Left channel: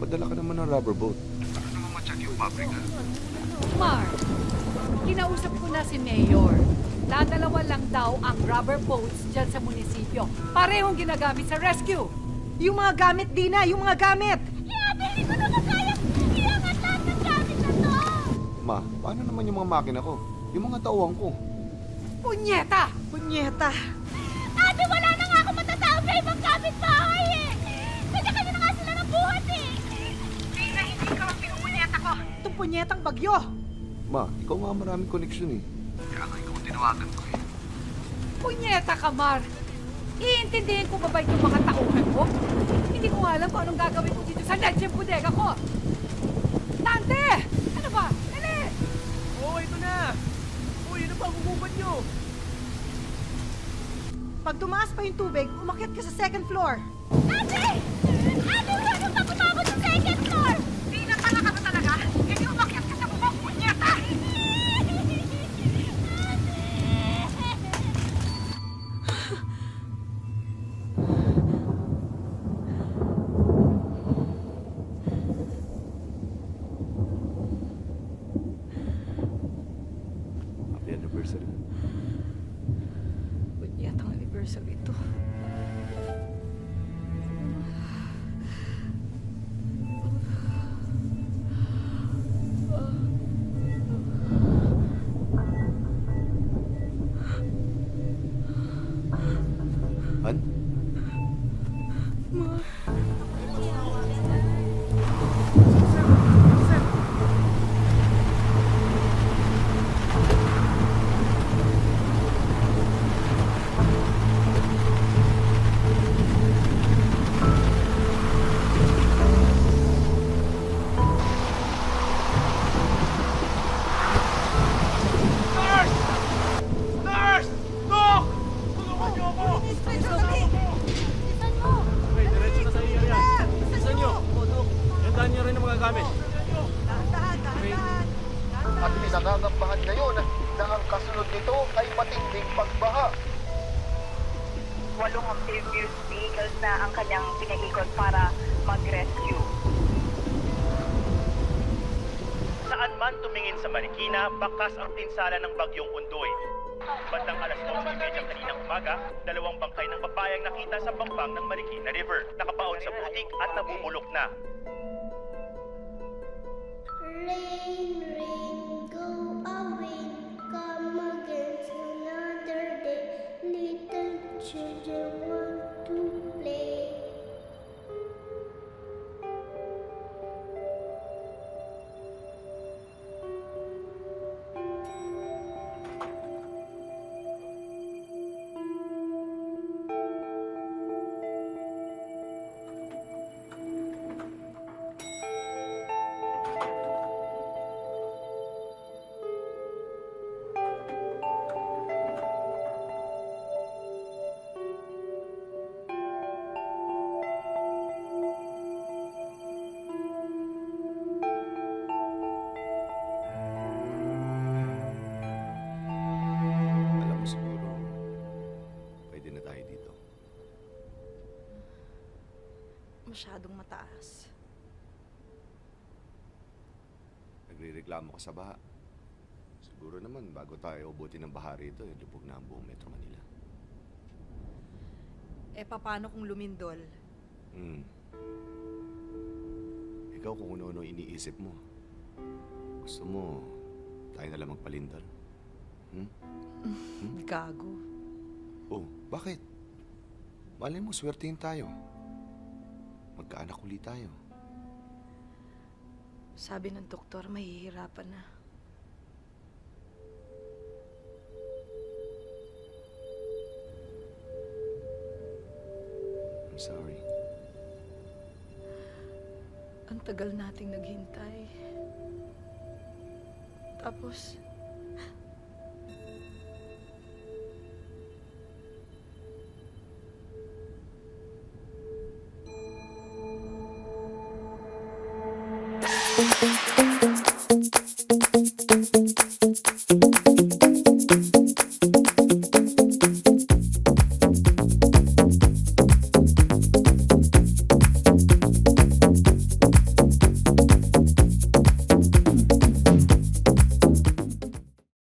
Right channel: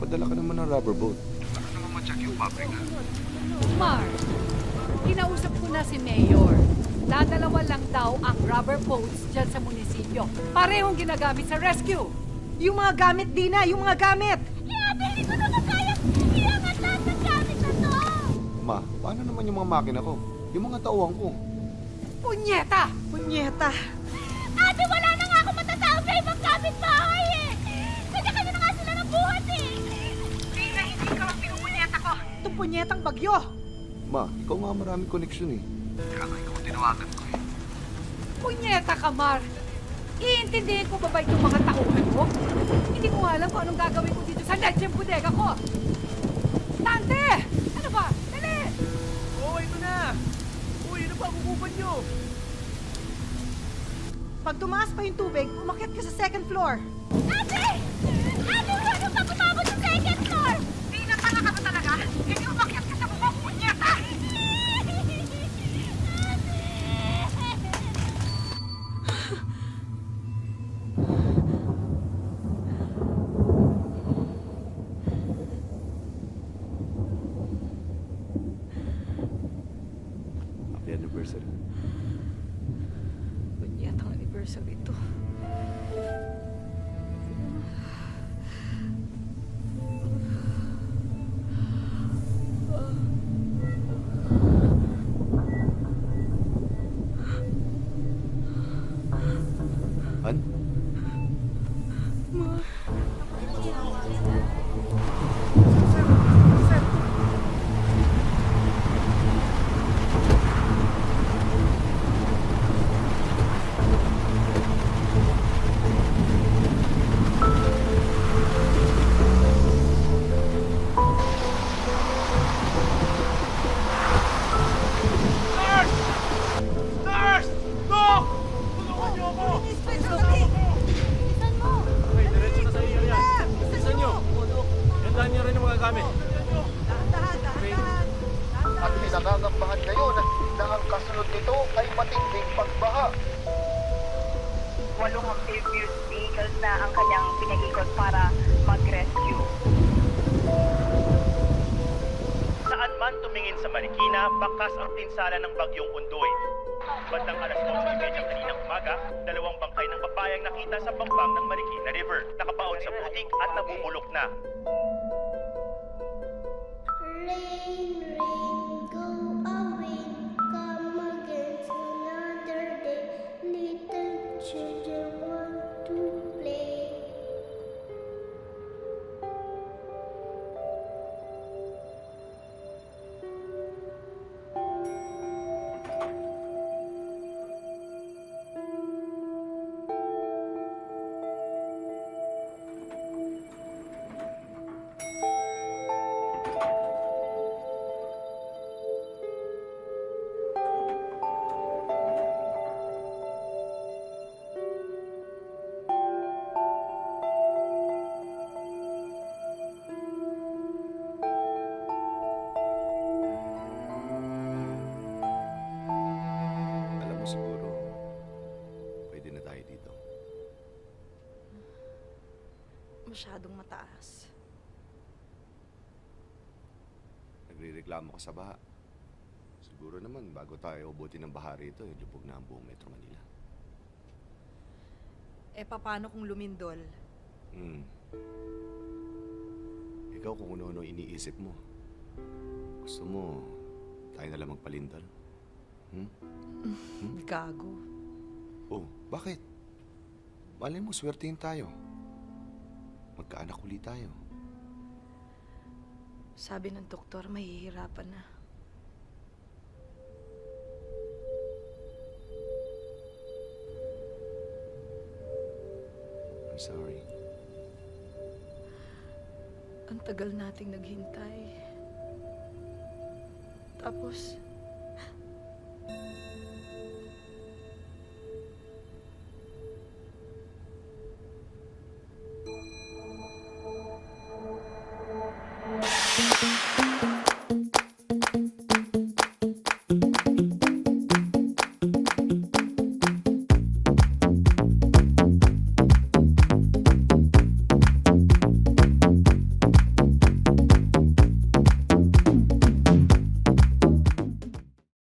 Magpadala ka naman ng rubber boat. Saka naman ma-check yung pabrika. Mar, kinausap ko na si Mayor. Dadalawa lang daw ang rubber boats dyan sa munisipyo. Parehong ginagamit sa rescue. Yung mga gamit, Dina! Yung mga gamit! Hindi ko naman kaya iangat lahat ng gamit na to! Ma, paano naman yung mga makina ko? Yung mga tauhan ko. Punyeta! Punyeta! Ate, wala na nga ako matatawag na ibang kapitbahay eh! Kanya-kanya na nga sila ng buhat eh! Dina, hindi ka ang pinupunyeta ko. Itong punyetang bagyo! Ma, ikaw nga maraming koneksyon eh. Kaya nga ikaw ang tinawagan ko eh. Punyeta ka, Mar. Iintindihin ko ba ba itong mga tauhan mo? Hindi ko nga alam kung anong gagawin ko dito sa lecheng bodega ko. Nante! Ano ba? Dali! Oo, ito na! Uy, ano ba hukupan nyo? Pag tumaas pa yung tubig, umakyat ka sa second floor. Ate! Ate, wala nang pagkababot sa second floor! Di na pala ka ba talaga? Hindi umakyat ka sa bubong, punyeta! Happy anniversary. Punyetang anniversary to. Han? Sir! Nurse! Nurse! Doc! Tulungan niyo ako! Lisan mo! Okay, diretso na sa iyo yan. Bilisan niyo! Yandahan niyo rin ang mga gamit. Dahan-dahan! At pinangangambahan ngayon na ang kasunod nito ay matinding pagbaha. 8 amphibious vehicles na ang kanyang pinaikot para mag-rescue. Saan man tumingin sa Marikina, bakas ang pinsala ng bagyong Undoy. Bandang alas 11:30 kaninang umaga, 2 bangkay ng babae ang nakita sa bangpang ng Marikina River. Nakabaon sa putik at nabubulok na. Rain, rain, go away, come again another day. Little children want to play. Alam mo siguro, pwede na tayo dito. Masyadong mataas. Nagre-reklamo ka sa baha. Siguro naman, bago tayo ubutin ng baha rito, lubog na ang buong Metro Manila. Eh, paano kung lumindol? Ikaw kung ano-ano iniisip mo. Gusto mo, tayo na lang magpalindol? Gago. Oh, bakit? Malay mo, swertihin tayo. Magkaanak ulit tayo. Sabi ng doktor, mahihirapan na. I'm sorry. Ang tagal nating naghintay. Tapos, Thank you.